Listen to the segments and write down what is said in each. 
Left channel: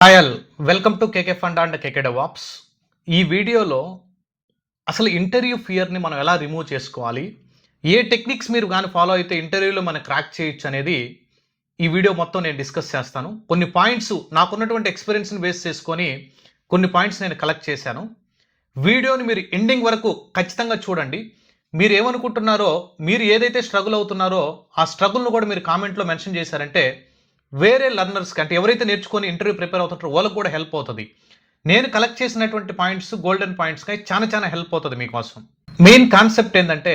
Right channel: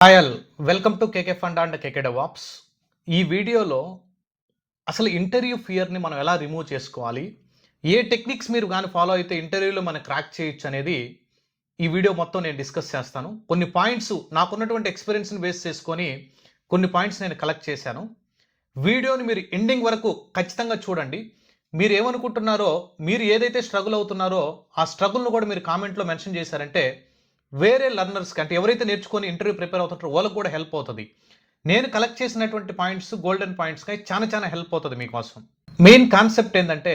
Hi all welcome to KK fund and KK DevOps. ఈ వీడియోలో అసలు ఇంటర్వ్యూ ఫియర్‌ని మనం ఎలా రిమూవ్ చేసుకోవాలి? ఏ టెక్నిక్స్ మీరు గాని ఫాలో అయితే ఇంటర్వ్యూలో మనం క్రాక్ చేయొచ్చు అనేది ఈ వీడియో మొత్తం నేను డిస్కస్ చేస్తాను. కొన్ని పాయింట్స్ నాకున్నటువంటి ఎక్స్‌పీరియన్స్‌ని బేస్ చేసుకొని కొన్ని పాయింట్స్ నేను కలెక్ట్ చేశాను. వీడియోని మీరు ఎండింగ్ వరకు ఖచ్చితంగా చూడండి. మీరేమనుకుంటున్నారో, మీరు ఏదైతే స్ట్రగుల్ అవుతున్నారో ఆ స్ట్రగుల్‌ను కూడా మీరు కామెంట్‌లో మెన్షన్ చేశారంటే వేరే లెర్నర్స్‌కి అంటే ఎవరైతే నేర్చుకొని ఇంటర్వ్యూ ప్రిపేర్ అవుతుంటారో వాళ్ళకి కూడా హెల్ప్ అవుతది. నేను కలెక్ట్ చేసినటువంటి పాయింట్స్ గోల్డెన్ పాయింట్స్‌కై చాలా హెల్ప్ అవుతది మీకోసం. మెయిన్ కాన్సెప్ట్ ఏందంటే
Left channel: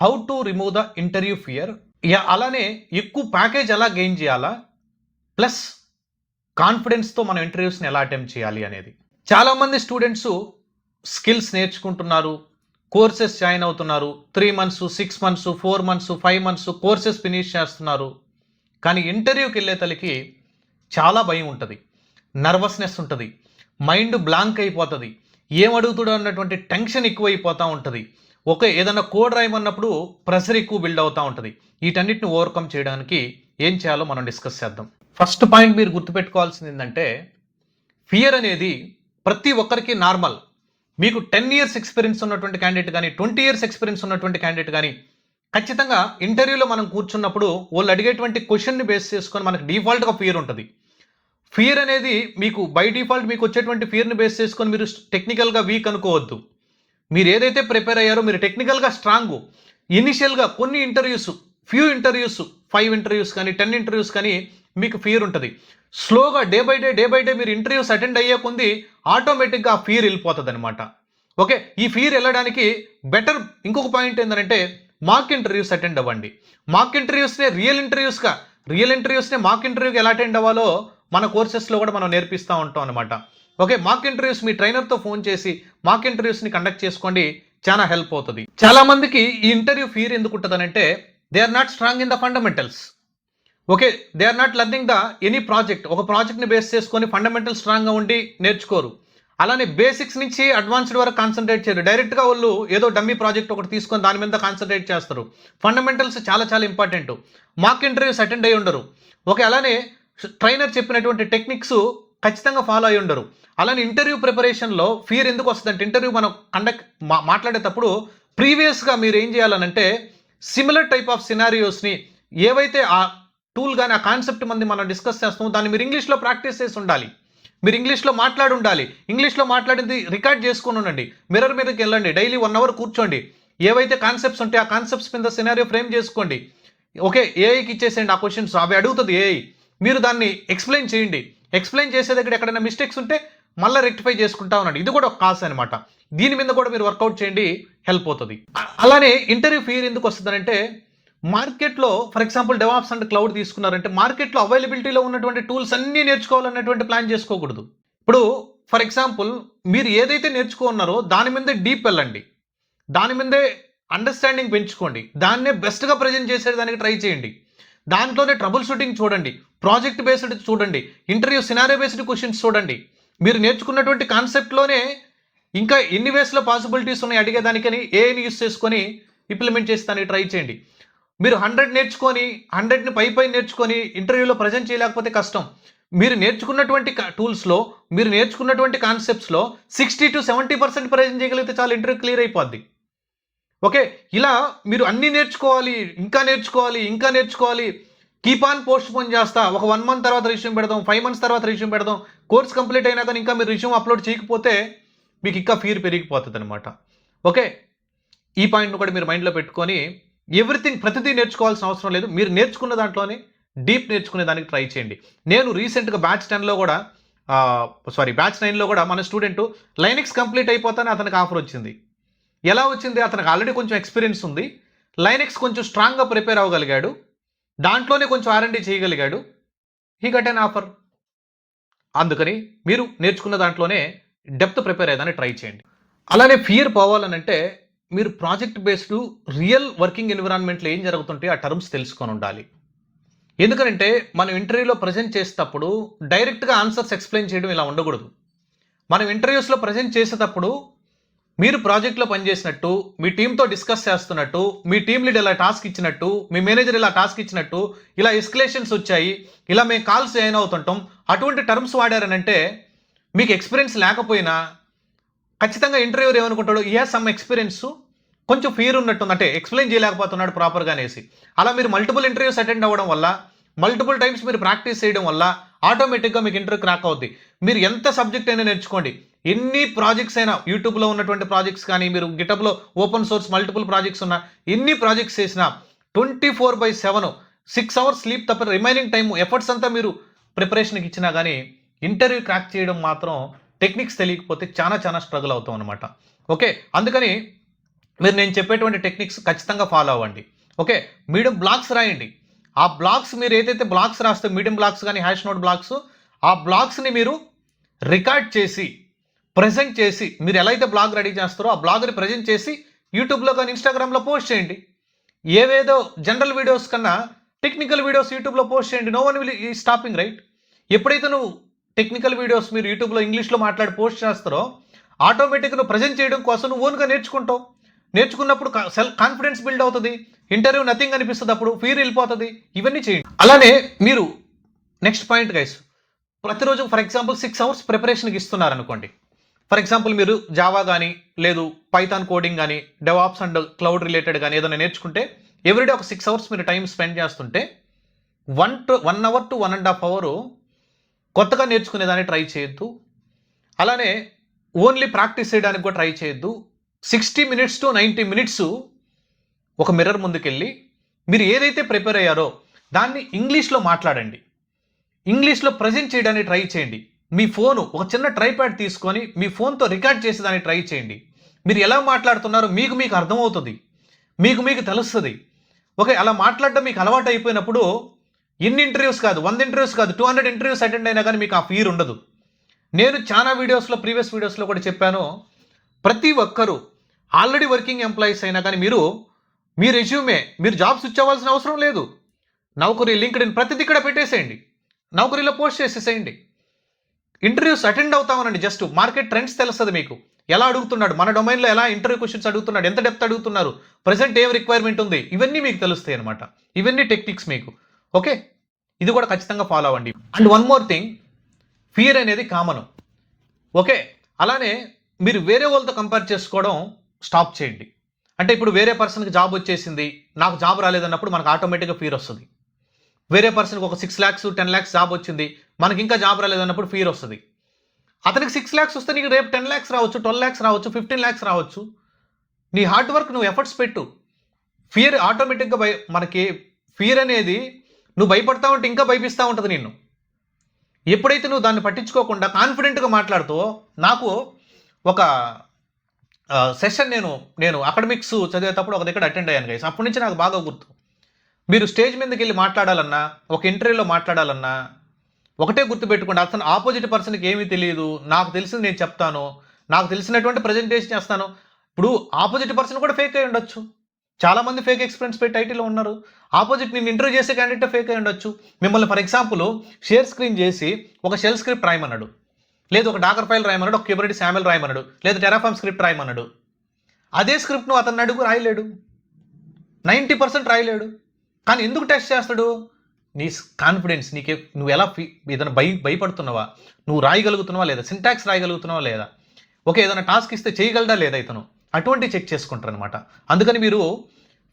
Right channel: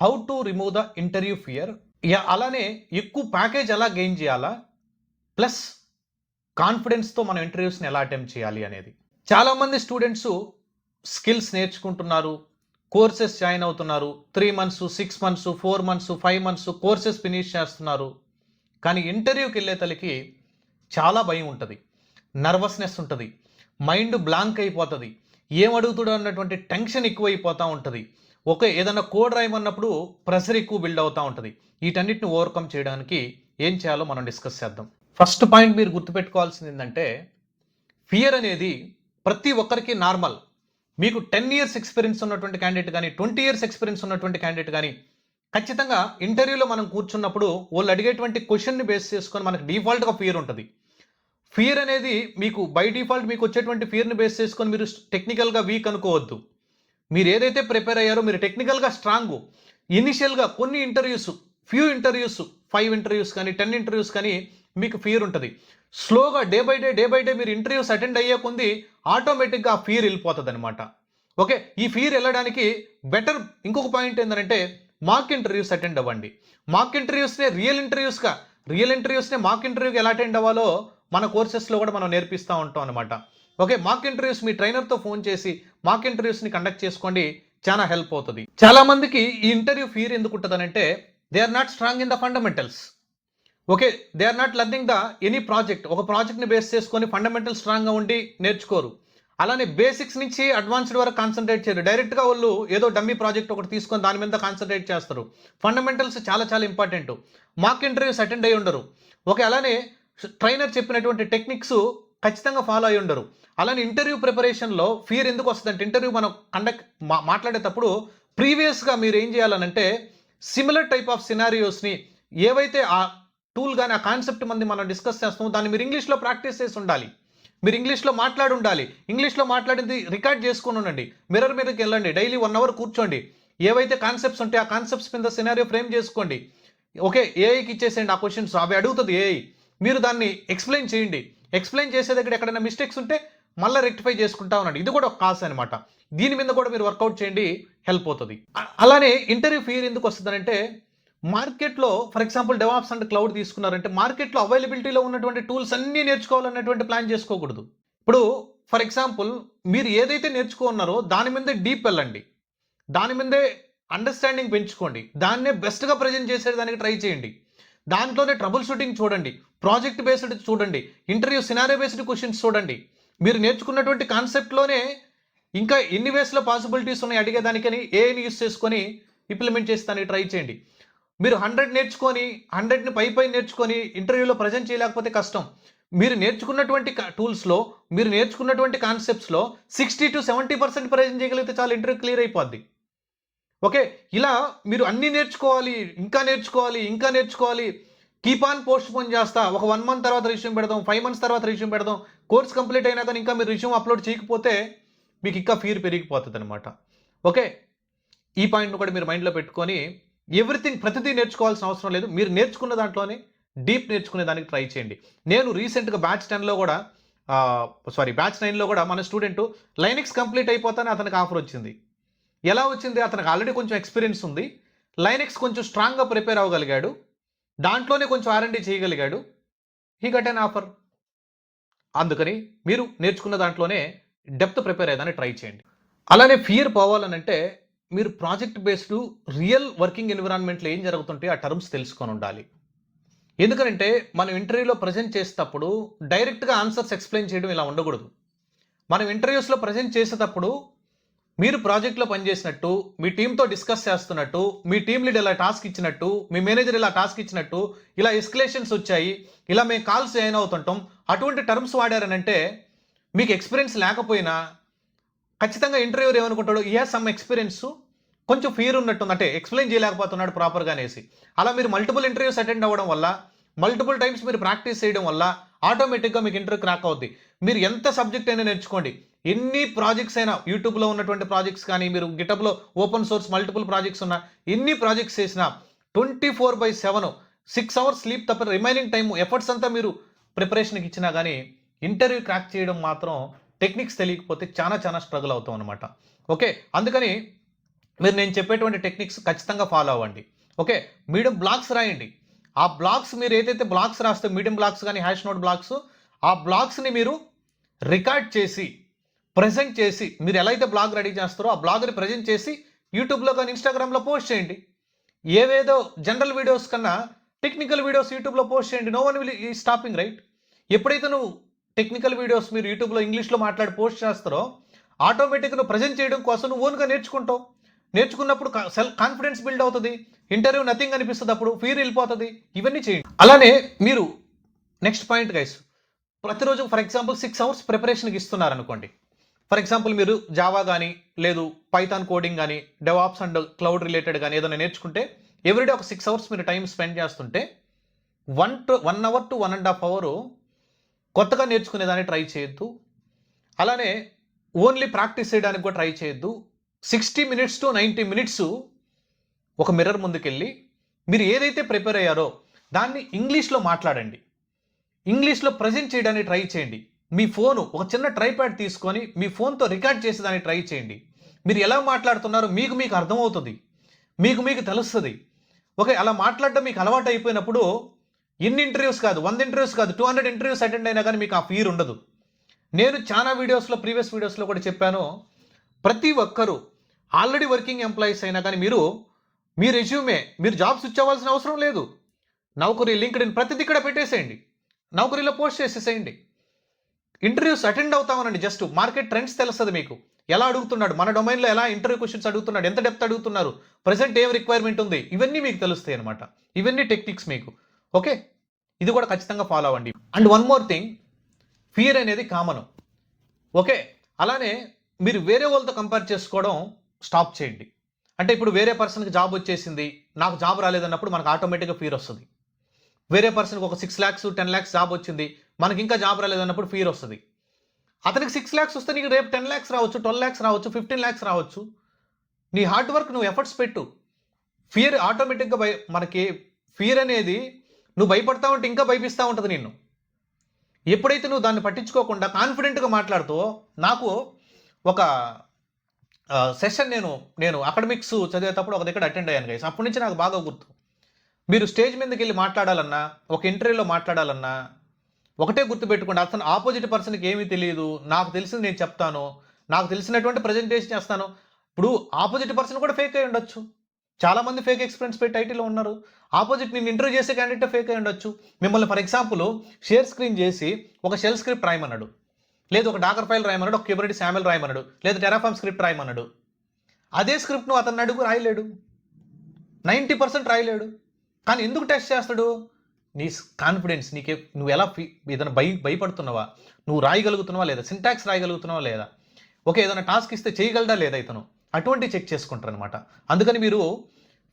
how to remove the interview fear. అలానే ఎక్కువ ప్యాకేజ్ ఎలా గెయిన్ చేయాలా? ప్లస్ కాన్ఫిడెన్స్‌తో మనం ఇంటర్వ్యూస్‌ని ఎలా అటెంప్ట్ చేయాలి అనేది. చాలామంది స్టూడెంట్స్ స్కిల్స్ నేర్చుకుంటున్నారు. కోర్సెస్ జాయిన్ అవుతున్నారు. 3 months, 6 months, 4 months, 5 months courses finish చేస్తున్నారు. కానీ ఇంటర్వ్యూకెళ్ళేతలకి చాలా భయం ఉంటది. నర్వస్‌నెస్ ఉంటది. మైండ్ బ్లాంక్ అయిపోతది. ఏం అడుగుతాడో అన్నటువంటి టెన్షన్ ఎక్కువైపోతా ఉంటది. ఏదన్నా కోడ్ రాయమన్నప్పుడు ప్రెషర్ ఎక్కువ బిల్డ్ అవుతా ఉంటది. వీటన్నిటిని ఓవర్‌కమ్ చేయడానికి ఏం చేయాలో మనం డిస్కస్ చేద్దాం. ఫస్ట్ పాయింట్ మీరు గుర్తుపెట్టుకోవాల్సింది ఏందంటే, ఫియర్ అనేది ప్రతి ఒక్కరికి నార్మల్. మీకు 10 ఇయర్స్ ఎక్స్‌పీరియన్స్ ఉన్నటువంటి క్యాండిడేట్ గాని, 20 ఇయర్స్ ఎక్స్‌పీరియన్స్ ఉన్నటువంటి క్యాండిడేట్ గాని ఖచ్చితంగా ఇంటర్వ్యూలో మనం కూర్చున్నప్పుడు వాళ్ళు అడిగేటువంటి క్వెషన్‌ని బేస్ చేసుకొని మనకు డిఫాల్ట్‌గా ఫియర్ ఉంటది. ఫియర్ అనేది మీకు బై డిఫాల్ట్ మీకు వచ్చేటువంటి ఫియర్‌ని బేస్ చేసుకొని మీరు టెక్నికల్‌గా వీక్ అనుకోవద్దు. మీరు ఏదైతే ప్రిపేర్ అయ్యారో మీరు టెక్నికల్‌గా స్ట్రాంగు. ఇనిషియల్‌గా కొన్ని ఇంటర్వ్యూస్, ఫ్యూ ఇంటర్వ్యూస్, 5 ఇంటర్వ్యూస్ కానీ, 10 ఇంటర్వ్యూస్ కానీ మీకు ఫియర్ ఉంటది. స్లోగా డే బై డే మీరు ఇంటర్వ్యూస్ అటెండ్ అయ్యే కొంది ఆటోమేటిక్‌గా ఆ ఫియర్ ఎళ్ళిపోతదనమాట. ఓకే. ఈ ఫియర్ ఎళ్ళడానికి బెటర్ ఇంకొక పాయింట్ ఏందంటే మాక్ ఇంటర్వ్యూస్ అటెండ్ అవ్వండి. మాక్ ఇంటర్వ్యూస్‌నే రియల్ ఇంటర్వ్యూస్‌నే మాక్ ఇంటర్వ్యూకి ఎలా అటెండ్ అవ్వాలో మన కోర్సెస్‌లో కూడా మనం నేర్పిస్తా ఉంటాం అనమాట. ఓకే. మాక్ ఇంటర్వ్యూస్ మీ ట్రైనర్‌తో ఫోన్ చేసి మాక్ ఇంటర్వ్యూస్‌ని కండక్ట్ చేసుకోండి. చాలా హెల్ప్ అవుతది. చాలా మందికి ఈ ఇంటర్వ్యూ ఫియర్ ఎందుకు ఉంటదనంటే they are not strong in the fundamentals. Okay. They are not learning the any project. ఒక ప్రాజెక్ట్‌ని బేస్ చేసుకొని ఫండమెంటల్ స్ట్రాంగ్‌గా ఉండి నేర్చుకోరు. అలానే బేసిక్స్ నుంచి అడ్వాన్స్‌డ్ వరకు కాన్సంట్రేట్ చేయరు. డైరెక్ట్‌గా వాళ్ళు ఏదో డమ్మీ ప్రాజెక్ట్ ఒకటి తీసుకొని దాని మీద కాన్సంట్రేట్ చేస్తారు. ఫండమెంటల్స్ చాలా ఇంపార్టెంట్. మాక్ ఇంటర్వ్యూస్ అటెండ్ అయ్యి ఉండరు. ఓకే. అలానే ట్రైనర్ చెప్పినటువంటి టెక్నిక్స్ ఖచ్చితంగా ఫాలో అయ్యి ఉండరు. అలానే ఇంటర్వ్యూ ప్రిపరేషన్‌లో ఫియర్ ఎందుకు వస్తదంటే ఇంటర్వ్యూ మనం మాట్లాడేటప్పుడు ప్రీవియస్‌గా మీరు ఏం చేయాలనంటే సిమిలర్ టైప్ ఆఫ్ సినారియోస్‌ని ఏవైతే ఆ టూల్ గాని, ఆ కాన్సెప్ట్ మనం డిస్కస్ చేస్తామో దాన్ని మీరు ఇంగ్లీష్‌లో ప్రాక్టీస్ చేసి ఉండాలి. మీరు ఇంగ్లీష్‌లో మాట్లాడి ఉండాలి. ఇంగ్లీష్‌లో మాట్లాడింది రికార్డ్ చేసుకొని ఉండండి. మిర్రర్ మీదకి వెళ్ళండి. డైలీ 1 అవర్ కూర్చోండి. ఏవైతే కాన్సెప్ట్స్ ఉంటాయో ఆ కాన్సెప్ట్స్ మీద సినారియో ఫ్రేమ్ చేసుకోండి. ఓకే. ఏఐకి ఇచ్చేసేయండి ఆ క్వెషన్స్. అవి అడుగుతది ఏఐ. మీరు దాన్ని ఎక్స్‌ప్లెయిన్ చేయండి. ఎక్స్‌ప్లెయిన్ చేసే దగ్గర ఎక్కడైనా మిస్టేక్స్ ఉంటే మళ్ళా రెక్టిఫై చేసుకుంటా ఉండండి. ఇది కూడా ఒక కాస్ అనమాట. దీని మీద కూడా మీరు వర్కౌట్ చేయండి. హెల్ప్ అవుతది. అలానే ఇంటర్వ్యూ ఫియర్ ఎందుకు వస్తదనంటే మార్కెట్‌లో for example DevOps and cloud తీసుకున్నారంటే మార్కెట్‌లో అవైలబిలిటీలో ఉన్నటువంటి టూల్స్ అన్నీ నేర్చుకోవాలన్నటువంటి ప్లాన్ చేసుకోకూడదు. ఇప్పుడు ఫర్ ఎగ్జాంపుల్ మీరు ఏదైతే నేర్చుకున్నారో దాని మీదే డీప్ వెళ్ళండి. దాని మీదే అండర్‌స్టాండింగ్ పెంచుకోండి. దాన్నే బెస్ట్‌గా ప్రెజెంట్ చేసేదానికి ట్రై చేయండి. దాంట్లోనే ట్రబుల్ షూటింగ్ చూడండి. ప్రాజెక్ట్ బేస్డ్ చూడండి. ఇంటర్వ్యూ సినారియో బేస్డ్ క్వెషన్స్ చూడండి. మీరు నేర్చుకున్నటువంటి కాన్సెప్ట్‌లోనే ఇంకా ఎన్ని వేస్‌లో పాసిబిలిటీస్ ఉన్నాయి అడిగేదానికని ఏఐని యూజ్ చేసుకొని ఇంప్లిమెంట్ చేసేదానికి ట్రై చేయండి. మీరు 100 నేర్చుకొని 100ని పై నేర్చుకొని ఇంటర్వ్యూలో ప్రెజెంట్ చేయలేకపోతే కష్టం. మీరు నేర్చుకున్నటువంటి టూల్స్‌లో మీరు నేర్చుకున్నటువంటి కాన్సెప్ట్స్‌లో 60-70% ప్రెజెంట్ చేయగలిగితే చాలు ఇంటర్వ్యూ క్లియర్ అయిపోద్ది. ఓకే. ఇలా మీరు అన్నీ నేర్చుకోవాలి, ఇంకా నేర్చుకోవాలి. కీప్ ఆన్ పోస్ట్‌పోన్ చేస్తా. ఒక 1 మంత్ తర్వాత రెజ్యూమ్ పెడదాం. 5 మంత్స్ తర్వాత రెజ్యూమ్ పెడదాం. కోర్స్ కంప్లీట్ అయినా కానీ ఇంకా మీరు రెజ్యూమ్ అప్‌లోడ్ చేయకపోతే మీకు ఇంకా ఫియర్ పెరిగిపోతదనమాట. ఓకే. ఈ పాయింట్‌ని కూడా మీరు మైండ్‌లో పెట్టుకొని ప్రతిదీ నేర్చుకోవాల్సిన అవసరం లేదు. మీరు నేర్చుకున్న దాంట్లోనే డీప్ నేర్చుకునే దానికి ట్రై చేయండి. నేను రీసెంట్‌గా బ్యాచ్ 10లో కూడా బ్యాచ్ 9లో కూడా మన స్టూడెంట్ లైనక్స్ కంప్లీట్ అయిపోతానే అతనికి ఆఫర్ వచ్చింది. ఎలా వచ్చింది? అతనికి ఆల్రెడీ కొంచెం ఎక్స్‌పీరియన్స్ ఉంది. లైనక్స్ కొంచెం స్ట్రాంగ్‌గా ప్రిపేర్ అవ్వగలిగాడు. దాంట్లోనే కొంచెం ఆర్&డి చేయగలిగాడు. He got an offer. అందుకని మీరు నేర్చుకున్న దాంట్లోనే డెప్త్ ప్రిపేర్ అయ్యేదానికి ట్రై చేయండి. అలానే ఫియర్ పోవాలనంటే మీరు ప్రాజెక్ట్ బేస్డ్ రియల్ వర్కింగ్ ఎన్విరాన్మెంట్‌లో ఏం జరుగుతుంటాయో ఆ టర్మ్స్ తెలుసుకొని ఉండాలి. ఎందుకనంటే మనం ఇంటర్వ్యూలో ప్రెజెంట్ చేసేటప్పుడు డైరెక్ట్‌గా ఆన్సర్స్ ఎక్స్‌ప్లెయిన్ చేయడం ఇలా ఉండకూడదు. మనం ఇంటర్వ్యూస్‌లో ప్రెజెంట్ చేసేటప్పుడు మీరు ప్రాజెక్ట్లో పనిచేసినట్టు, మీ టీంతో డిస్కస్ చేస్తున్నట్టు, మీ టీమ్ లీడ్ ఇలా టాస్క్ ఇచ్చినట్టు, మీ మేనేజర్ ఇలా టాస్క్ ఇచ్చినట్టు, ఇలా ఎస్కలేషన్స్ వచ్చాయి, ఇలా మేము కాల్స్ జాయిన్ అవుతుంటాం, అటువంటి టర్మ్స్ వాడారనంటే మీకు ఎక్స్పీరియన్స్ లేకపోయినా ఖచ్చితంగా ఇంటర్వ్యూర్ ఏమనుకుంటాడు, ఈ హ్యాస్ సమ్ ఎక్స్పీరియన్స్, కొంచెం ఫియర్ ఉన్నట్టుంది, అంటే ఎక్స్ప్లెయిన్ చేయలేకపోతున్నాడు ప్రాపర్గా అనేసి. అలా మీరు మల్టిపుల్ ఇంటర్వ్యూస్ అటెండ్ అవ్వడం వల్ల, మల్టిపుల్ టైమ్స్ మీరు ప్రాక్టీస్ చేయడం వల్ల ఆటోమేటిక్గా మీకు ఇంటర్వ్యూ క్రాక్ అవుద్ది. మీరు ఎంత సబ్జెక్ట్ అయినా నేర్చుకోండి, ఎన్ని ప్రాజెక్ట్స్ అయినా, యూట్యూబ్లో ఉన్నటువంటి ప్రాజెక్ట్స్ కానీ, మీరు గిటబ్లో ఓపెన్ సోర్స్ మల్టిపుల్ ప్రాజెక్ట్స్ ఉన్న ఎన్ని ప్రాజెక్ట్స్ చేసినా 24/7 6 అవర్స్ స్లీప్ తప్ప రిమైనింగ్ టైం ఎఫర్ట్స్ అంతా మీరు ప్రిపరేషన్కి ఇచ్చినా కానీ ఇంటర్వ్యూ క్రాక్ చేయడం మాత్రం టెక్నిక్స్ తెలియకపోతే చాలా చాలా స్ట్రగుల్ అవుతాం అనమాట. ఓకే, అందుకని మీరు నేను చెప్పేటువంటి టెక్నిక్స్ ఖచ్చితంగా ఫాలో అవ్వండి. ఓకే, మీడియం బ్లాగ్స్ రాయండి. ఆ బ్లాగ్స్ మీరు ఏదైతే బ్లాగ్స్ రాస్తే మీడియం బ్లాగ్స్ కానీ హ్యాష్ నోట్ బ్లాగ్స్, ఆ బ్లాగ్స్ని మీరు రికార్డ్ చేసి ప్రజెంట్ చేసి, మీరు ఎలా అయితే బ్లాగ్ రెడీ చేస్తారో ఆ బ్లాగ్ని ప్రజెంట్ చేసి యూట్యూబ్లో కానీ ఇన్స్టాగ్రామ్లో పోస్ట్ చేయండి. ఏవేదో జనరల్ వీడియోస్ కన్నా టెక్నికల్ వీడియోస్ యూట్యూబ్లో పోస్ట్ చేయండి. నో వన్ విల్ ఈ స్టాపింగ్, రైట్? ఎప్పుడైతే నువ్వు టెక్నికల్ వీడియోస్ మీరు యూట్యూబ్లో ఇంగ్లీష్లో మాట్లాడి పోస్ట్ చేస్తారో ఆటోమేటిక్గా నువ్వు ప్రజెంట్ చేయడం కోసం నువ్వు ఓన్గా నేర్చుకుంటావు. నేర్చుకున్నప్పుడు సెల్ఫ్ కాన్ఫిడెన్స్ బిల్డ్ అవుతుంది, ఇంటర్వ్యూ నథింగ్ అనిపిస్తుంది, అప్పుడు ఫీర్ వెళ్ళిపోతుంది. ఇవన్నీ చేయండి. అలానే మీరు నెక్స్ట్ పాయింట్ గైస్, ప్రతిరోజు ఫర్ ఎగ్జాంపుల్ 6 అవర్స్ ప్రిపరేషన్కి ఇస్తున్నారు అనుకోండి. ఫర్ ఎగ్జాంపుల్ మీరు జావా కానీ, లేదు పైథాన్ కోడింగ్ కానీ, డెవాప్స్ అండ్ క్లౌడ్ రిలేటెడ్ కానీ ఏదైనా నేర్చుకుంటే ఎవ్రీడే ఒక 6 అవర్స్ మీరు టైం స్పెండ్ చేస్తుంటే 1 అవర్ టు 1.5 అవర్ కొత్తగా నేర్చుకునేదాన్ని ట్రై చేయొద్దు. అలానే ఓన్లీ ప్రాక్టీస్ చేయడానికి కూడా ట్రై చేయొద్దు. 60 minutes to 90 minutes ఒక మిర్రర్ ముందుకెళ్ళి మీరు ఏదైతే ప్రిపేర్ అయ్యారో దాన్ని ఇంగ్లీష్లో మాట్లాడండి, ఇంగ్లీష్లో ప్రజెంట్ చేయడానికి ట్రై చేయండి. మీ ఫోను ఒక చిన్న ట్రైప్యాడ్ తీసుకొని మీ ఫోన్తో రికార్డ్ చేసేదానికి ట్రై చేయండి. మీరు ఎలా మాట్లాడుతున్నారో మీకు అర్థమవుతుంది, మీకు తెలుస్తుంది. ఓకే, అలా మాట్లాడటం మీకు అలవాటు అయిపోయినప్పుడు ఎన్ని ఇంటర్వ్యూస్ కాదు, 100 ఇంటర్వ్యూస్ కాదు, 200 ఇంటర్వ్యూస్ అటెండ్ అయినా కానీ మీకు ఆ ఫీర్ ఉండదు. నేను చాలా వీడియోస్లో, ప్రీవియస్ వీడియోస్లో కూడా చెప్పాను, ప్రతి ఒక్కరూ ఆల్రెడీ వర్కింగ్ ఎంప్లాయీస్ అయినా కానీ మీ రెజ్యూమే, మీరు జాబ్ స్విచ్ అవ్వాల్సిన అవసరం లేదు. నౌకరీ, లింక్డ్ఇన్ ప్రతిదీ ఇక్కడ పెట్టేసేయండి, నౌకరీలో పోస్ట్ చేసేసేయండి. ఇంటర్వ్యూస్ అటెండ్ అవుతామనండి. జస్ట్ మార్కెట్ ట్రెండ్స్ తెలుస్తుంది మీకు, ఎలా అడుగుతున్నాడు, మన డొమైన్లో ఎలా ఇంటర్వ్యూ క్వశ్చన్స్ అడుగుతున్నాడు, ఎంత డెప్త్ అడుగుతున్నారు, ప్రజెంట్ ఏం రిక్వైర్మెంట్ ఉంది, ఇవన్నీ మీకు తెలుస్తాయి అనమాట. ఇవన్నీ టెక్నిక్స్ మీకు. ఓకే, ఇది కూడా ఖచ్చితంగా ఫాలో అవ్వండి. And one more thing, fear అనేది కామన్. ఓకే, అలానే మీరు వేరే వాళ్ళతో కంపేర్ చేసుకోవడం స్టాప్ చేయండి. అంటే ఇప్పుడు వేరే పర్సన్కి జాబ్ వచ్చేసింది, నాకు జాబ్ రాలేదన్నప్పుడు మనకు ఆటోమేటిక్గా ఫీర్ వస్తుంది. వేరే పర్సన్కి ఒక 6 lakhs 10 lakhs జాబ్ వచ్చింది, మనకి ఇంకా జాబ్ రాలేదన్నప్పుడు ఫీర్ వస్తుంది. అతనికి 6 lakhs వస్తే నీకు రేపు 10 lakhs రావచ్చు, 12 lakhs రావచ్చు, 15 lakhs రావచ్చు. నీ హార్డ్ వర్క్, నువ్వు ఎఫర్ట్స్ పెట్టు. ఫియర్ ఆటోమేటిక్గా మనకి ఫియర్ అనేది నువ్వు భయపడతా ఉంటే ఇంకా భయపిస్తూ ఉంటుంది నిన్ను. ఎప్పుడైతే నువ్వు దాన్ని పట్టించుకోకుండా కాన్ఫిడెంట్గా మాట్లాడుతావో, నాకు ఒక సెషన్ నేను అకాడమిక్స్ చదివేటప్పుడు ఒక దగ్గర అటెండ్ అయ్యాను గైస్. అప్పటి నుంచి నాకు బాగా గుర్తు. మీరు స్టేజ్ మీదకి వెళ్ళి మాట్లాడాలన్నా, ఒక ఇంటర్వ్యూలో మాట్లాడాలన్నా ఒకటే గుర్తుపెట్టుకోండి, అతను ఆపోజిట్ పర్సన్కి ఏమీ తెలియదు, నాకు తెలిసింది నేను చెప్తాను, నాకు తెలిసినటువంటి ప్రజెంటేషన్ చేస్తాను. ఇప్పుడు ఆపోజిట్ పర్సన్ కూడా ఫేక్ అయి ఉండొచ్చు. చాలామంది ఫేక్ ఎక్స్పీరియన్స్ పెట్టి ఐటీలో ఉన్నారు. ఆపోజిట్ నేను ఇంటర్వ్యూ చేసే క్యాండిడేట్ ఫేక్ అయి ఉండొచ్చు. మిమ్మల్ని ఫర్ ఎగ్జాంపుల్ షేర్ స్క్రీన్ చేసి ఒక షెల్ స్క్రిప్ట్ రాయమన్నాడు, లేదు ఒక డాకర్ ఫైల్ రాయమన్నాడు, ఒక క్యూబర్నెటిస్ శామెల్ రాయమన్నాడు, లేదా టెరాఫార్మ్ స్క్రిప్ట్ రాయమన్నాడు. అదే స్క్రిప్ట్ను అతను అడుగు రాయలేడు, 90% రాయలేడు. కానీ ఎందుకు టెస్ట్ చేస్తాడు? నీ కాన్ఫిడెన్స్, నువ్వు ఎలా ఏదైనా భయపడుతున్నావా, నువ్వు రాయగలుగుతున్నావా లేదా, సింటాక్స్ రాయగలుగుతున్నావా లేదా, ఓకే ఏదైనా టాస్క్ ఇస్తే చేయగలడా లేదా ఇతను, అటువంటి చెక్ చేసుకుంటారు అనమాట. అందుకని మీరు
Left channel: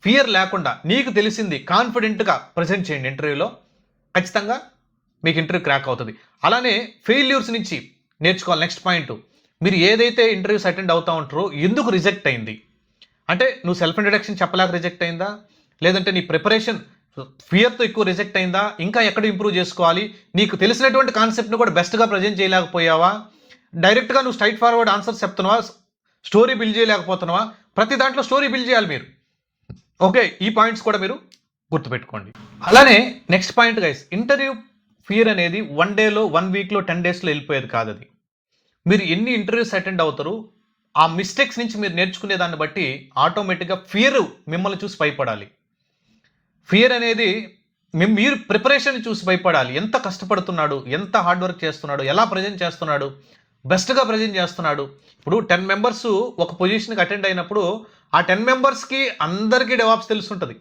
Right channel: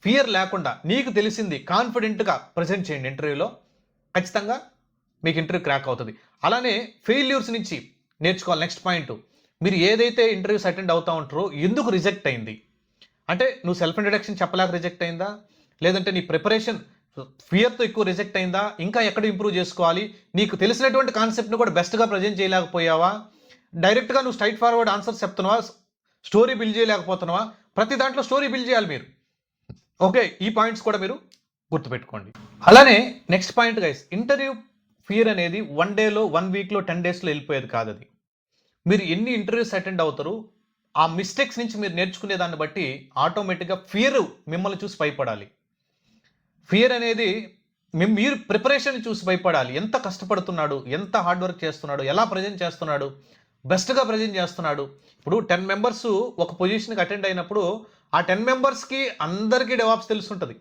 ఫియర్ లేకుండా నీకు తెలిసింది కాన్ఫిడెంట్గా ప్రజెంట్ చేయండి ఇంటర్వ్యూలో, ఖచ్చితంగా మీకు ఇంటర్వ్యూ క్రాక్ అవుతుంది. అలానే ఫెయిల్యూర్స్ నుంచి నేర్చుకోవాలి. నెక్స్ట్ పాయింట్, మీరు ఏదైతే ఇంటర్వ్యూస్ అటెండ్ అవుతూ ఉంటారో ఎందుకు రిజెక్ట్ అయింది, అంటే నువ్వు సెల్ఫ్ ఇంట్రడక్షన్ చెప్పలేక రిజెక్ట్ అయిందా, లేదంటే నీ ప్రిపరేషన్ ఫియర్తో ఎక్కువ రిజెక్ట్ అయిందా, ఇంకా ఎక్కడ ఇంప్రూవ్ చేసుకోవాలి, నీకు తెలిసినటువంటి కాన్సెప్ట్ని కూడా బెస్ట్గా ప్రజెంట్ చేయలేకపోయావా, డైరెక్ట్గా నువ్వు స్ట్రైట్ ఫార్వర్డ్ ఆన్సర్స్ చెప్తున్నావా, స్టోరీ బిల్డ్ చేయలేకపోతున్నావా, ప్రతి దాంట్లో స్టోరీ బిల్డ్ చేయాలి మీరు. ఓకే, ఈ పాయింట్స్ కూడా మీరు గుర్తుపెట్టుకోండి. అలానే next point guys, interview fear అనేది 1 dayలో 1 weekలో 10 daysలో వెళ్ళిపోయేది కాదు. అది మీరు ఎన్ని ఇంటర్వ్యూస్ అటెండ్ అవుతారు, ఆ మిస్టేక్స్ నుంచి మీరు నేర్చుకునే దాన్ని బట్టి ఆటోమేటిక్గా ఫియర్ మిమ్మల్ని చూసి భయపడాలి. ఫియర్ అనేది మీరు ప్రిపరేషన్ చూసి భయపడాలి. ఎంత కష్టపడుతున్నాడు, ఎంత హార్డ్ వర్క్ చేస్తున్నాడు, ఎలా ప్రజెంట్ చేస్తున్నాడు, బెస్ట్‌గా ప్రెజెంట్ చేస్తున్నాడు. ఇప్పుడు 10 మెంబర్స్ ఒక పొజిషన్‌కి అటెండ్ అయినప్పుడు, ఆ 10 మెంబర్స్‌కి అందరికీ డెవాప్స్ తెలిసుంటది.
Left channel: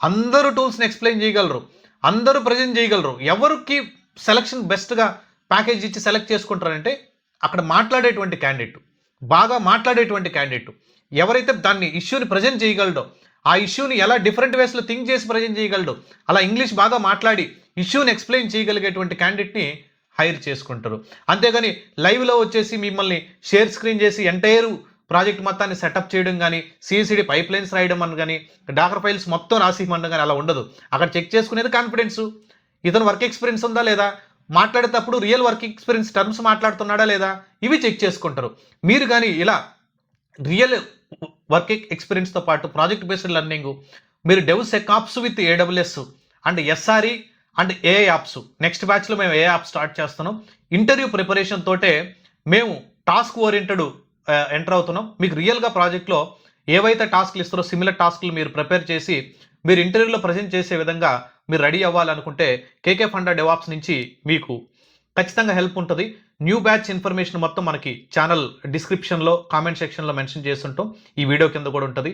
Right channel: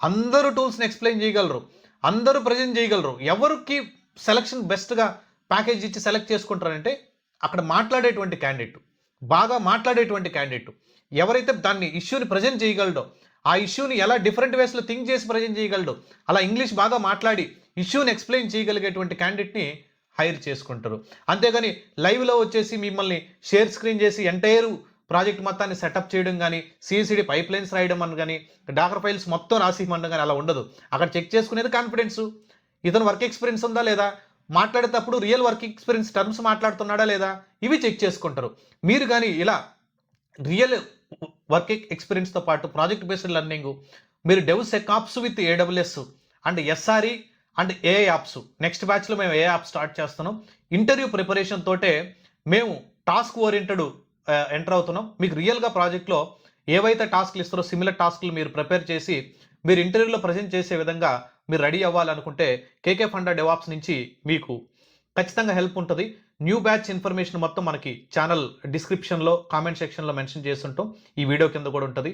అందరూ టూల్స్‌ని ఎక్స్‌ప్లెయిన్ చేయగలరు. అందరూ ప్రెజెంట్ చేయగలరు. ఎవరికి సెలక్షన్ బెస్ట్‌గా ప్యాకేజ్ ఇచ్చి సెలెక్ట్ చేసుకుంటారంటే, అక్కడ మాట్లాడేటువంటి క్యాండిడేట్. బాగా మాట్లాడేటువంటి క్యాండిడేట్. ఎవరైతే దాన్ని ఇష్యూని ప్రెజెంట్ చేయగలడో, ఆ ఇష్యూని ఎలా డిఫరెంట్ వేస్‌లో థింక్ చేసి ప్రెజెంట్ చేయగలడో, అలా ఇంగ్లీష్ బాగా మాట్లాడి ఇష్యూని ఎక్స్‌ప్లెయిన్ చేయగలిగేటువంటి క్యాండిడేట్‌ని హైర్ చేసుకుంటారు. అంతేగాని లైవ్‌లో వచ్చేసి మిమ్మల్ని షేర్ స్క్రీన్ చేసి ఎంటైర్ ప్రాజెక్ట్ మొత్తాన్ని సెటప్ చేయడం గాని, సీసీడీ పైప్‌లైన్స్ రాయడం అని గాని, డాకర్ ఫైల్స్ మొత్తం రాసి ఇమ్మనడం గాని అలా ఉండదు. అక్కడ చెక్ చేసుకునేది కాన్ఫిడెన్సు. ఇతను వర్క్ ఎక్స్‌పీరియన్స్ ఉందా లేదా? మాట్లాడేటప్పుడు రియల్ వర్క్ ఎక్స్‌పీరియన్స్ టర్మ్స్ మాట్లాడుతున్నాడా లేదా? ఇవి చెక్ చేసుకుంటారు. మీరు గాని ఇలా రియల్ వర్క్ ఎక్స్‌పీరియన్స్‌తో పాటు ప్రాజెక్ట్ బేస్డ్ లెర్నింగు, మీరు DevSecOps with AWS and SRE and AI apps. Next బ్యాచ్‌లో మేము ఏఐ యాప్ స్టార్ట్ చేస్తున్నాం. ఇంటర్వ్యూ ప్రిపరేషన్ తోటే మేము టాస్క్ ఓరియెంటెడ్ ఎంటర్ అవుతున్నాం. మీకు రియల్‌గా ప్రాజెక్ట్‌లో ఏవైతే టాస్క్‌లు ఇస్తారో సిమిలర్ టాస్క్‌లు మీరు ప్రిపేర్ చేసి, మీరు ఇంటర్వ్యూలో ప్రెజెంట్ చేసే విధంగా మీరు రెడీ అవ్వాలనుకుంటే కేకే ఫండా డెవాప్స్ నుంచి మీకు ఖచ్చితంగా హెల్ప్ ఉంటది. న్యూ బ్యాచ్ ఇన్ఫర్మేషన్ మొత్తం మనకి ఛానల్ డిస్క్రిప్షన్‌లో, కామెంట్ సెక్షన్‌లో మెన్షన్ చేసుంటాం. ఈ వీడియో కింద కూడా ఉంటది.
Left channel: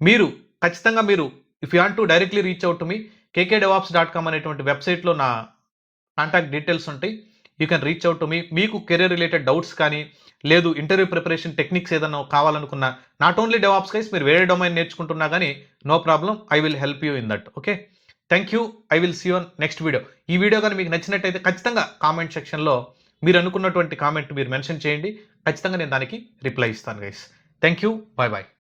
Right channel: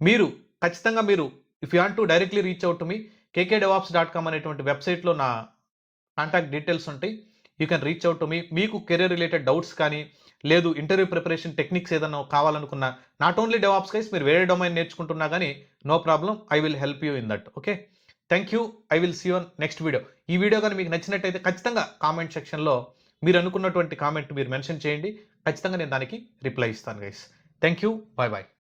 మీరు ఖచ్చితంగా if you want to directly reach out to me kkdevops.com అనేటువంటి వెబ్‌సైట్‌లో నా కాంటాక్ట్ డీటెయిల్స్ ఉంటాయి. You can reach out to me. మీకు కెరియర్ రిలేటెడ్ డౌట్స్ కానీ, లేదు ఇంటర్వ్యూ ప్రిపరేషన్ టెక్నిక్స్ ఏదైనా కావాలనుకున్నా, నాట్ ఓన్లీ డెవాప్స్ గైస్, మీరు వేరే డొమైన్ నేర్చుకుంటున్నా గానీ no problem. I will help you in that. Okay. Thank you. I will see you on next video. ఈ వీడియో గాని మీకు నచ్చినట్టయితే ఖచ్చితంగా కామెంట్ సెక్షన్‌లో మీరు అనుకున్నటువంటి కామెంట్ మీరు మెన్షన్ చేయండి. ఖచ్చితంగా నేను దానికి రిప్లై ఇస్తాను guys. Thank you. By by.